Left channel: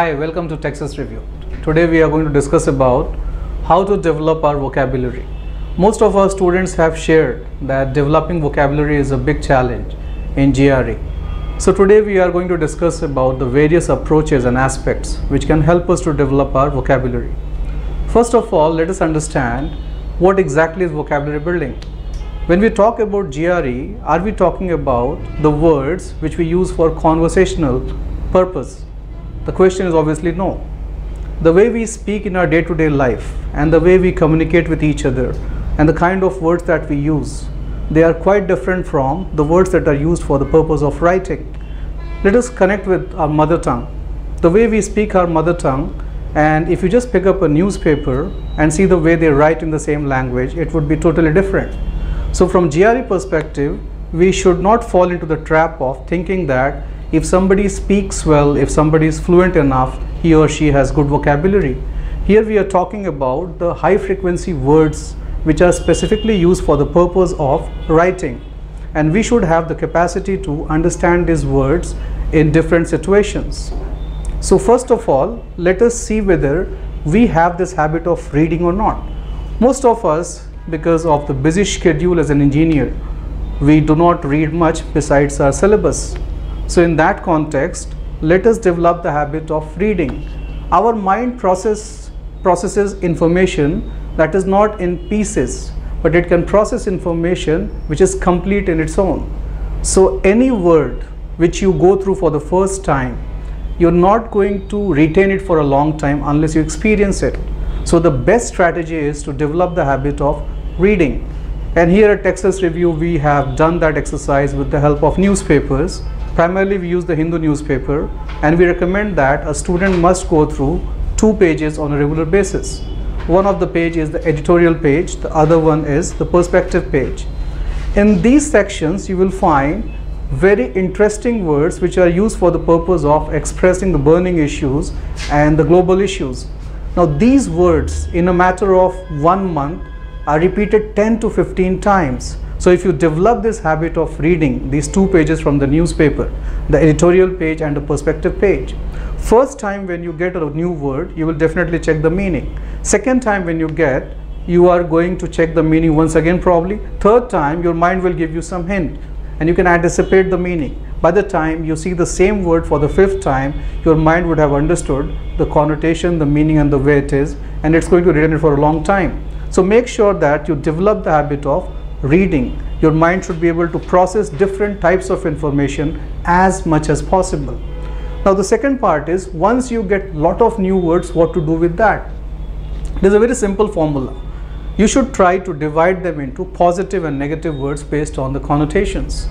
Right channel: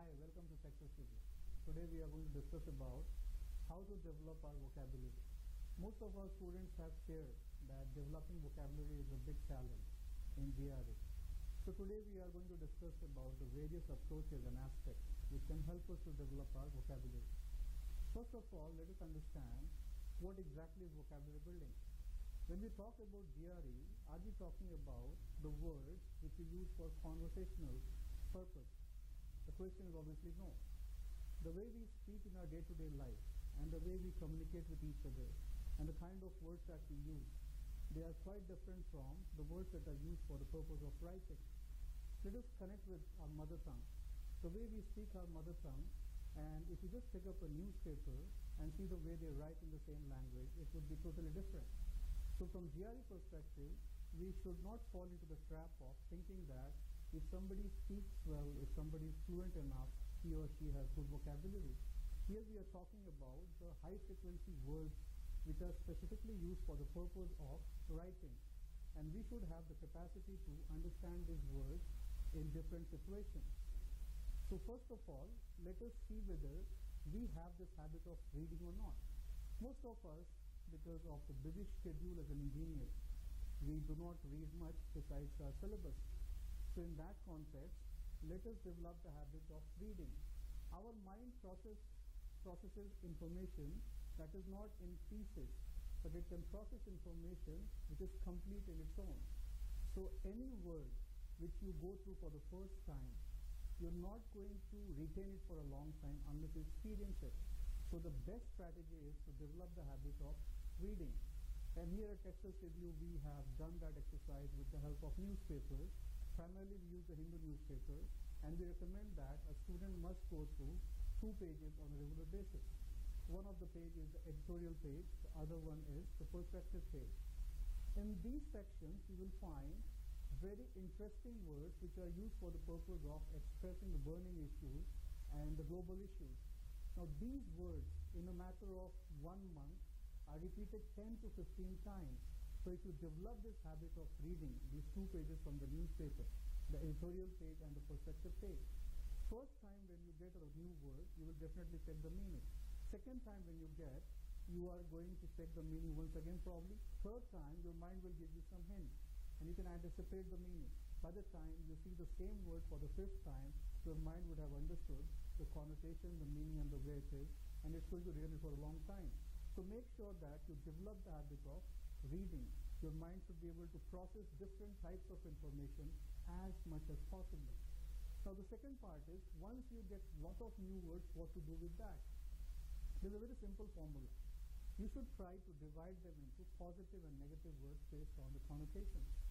Hi, welcome to Texas Review. Today we are going to discuss about how to develop our vocabulary. Most of our students have shared that developing vocabulary is a big challenge in GRE. So today we are going to discuss about the various approaches and aspects which can help us to develop our vocabulary. First of all, let us understand what exactly is vocabulary building. When we talk about GRE, are we talking about the words which we use for conversational purpose? The question is obviously no. The way we speak in our day-to-day life and the way we communicate with each other and the kind of words that we use, they are quite different from the words that are used for the purpose of writing. Let us connect with our mother tongue. The way we speak our mother tongue, and if you just pick up a newspaper and see the way they write in the same language, it would be totally different. So from GRE perspective, we should not fall into the trap of thinking that if somebody speaks well, if somebody is fluent enough, he or she has good vocabulary. Here we are talking about the high frequency words which are specifically used for the purpose of writing. And we should have the capacity to understand these words in different situations. So first of all, let us see whether we have this habit of reading or not. Most of us, because of the busy schedule as an engineer, we do not read much besides our syllabus. So in that context, let us develop the habit of reading. Our mind processes information that is not in pieces, but it can process information which is complete in its own. So any word which you go through for the first time, you're not going to retain it for a long time unless you experience it. So the best strategy is to develop the habit of reading. And here at Texas Review, we have done that exercise with the help of newspapers. Primarily we use the Hindu newspaper, and we recommend that a student must go through 2 pages on a regular basis. One of the page is the editorial page, the other one is the perspective page. In these sections you will find very interesting words which are used for the purpose of expressing the burning issues and the global issues. Now these words in a matter of 1 month are repeated 10 to 15 times. So if you develop this habit of reading these 2 pages from the newspaper, the editorial page and the perspective page, first time when you get a new word, you will definitely check the meaning. Second time when you are going to check the meaning once again probably. Third time, your mind will give you some hint and you can anticipate the meaning. By the time you see the same word for the 5th time, your mind would have understood the connotation, the meaning and the way it is, and it's going to retain it for a long time. So make sure that you develop the habit of reading. Your mind should be able to process different types of information as much as possible. Now the second part is, once you get lot of new words, what to do with that? There's a very simple formula. You should try to divide them into positive and negative words based on the connotations.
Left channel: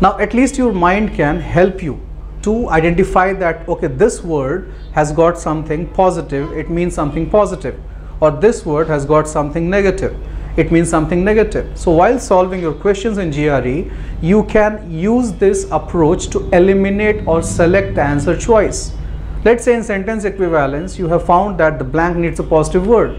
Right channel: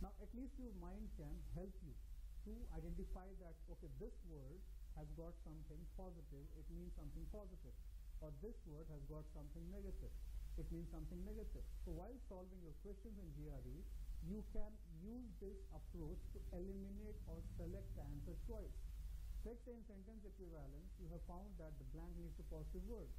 Now at least your mind can help you to identify that, okay, this word has got something positive, it means something positive, or this word has got something negative, it means something negative. So while solving your questions in GRE, you can use this approach to eliminate or select the answer choice. Let's say in sentence equivalence, you have found that the blank needs a positive word,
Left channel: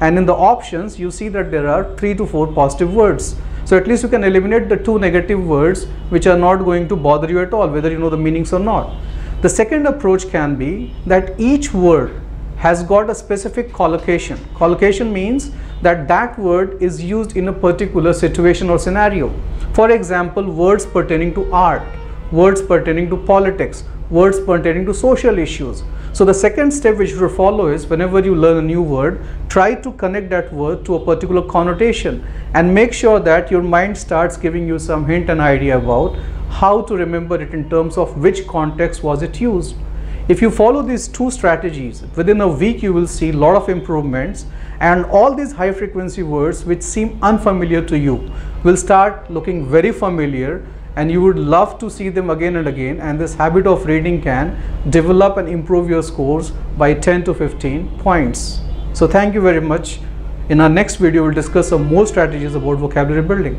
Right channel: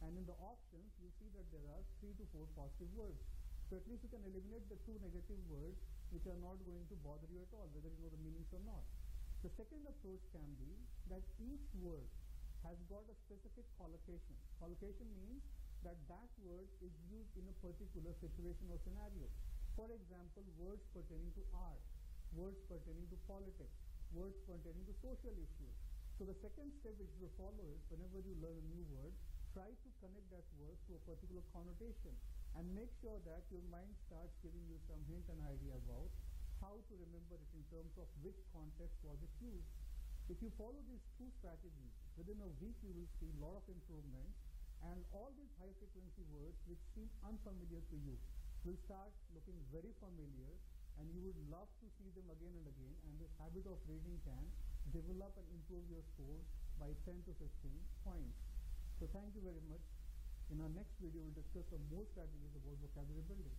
and in the options you see that there are 3 to 4 positive words. So at least you can eliminate the 2 negative words which are not going to bother you at all, whether you know the meanings or not. The second approach can be that each word has got a specific collocation. Collocation means that that word is used in a particular situation or scenario. For example, words pertaining to art, words pertaining to politics, words pertaining to social issues. So the second step which you follow is, whenever you learn a new word, try to connect that word to a particular connotation and make sure that your mind starts giving you some hint and idea about how to remember it in terms of which context was it used. If you follow these 2 strategies, within a week you will see a lot of improvements, and all these high frequency words which seem unfamiliar to you will start looking very familiar, and you would love to see them again and again, and this habit of reading can develop and improve your scores by 10 to 15 points. So thank you very much. In our next video, we'll discuss some more strategies about vocabulary building.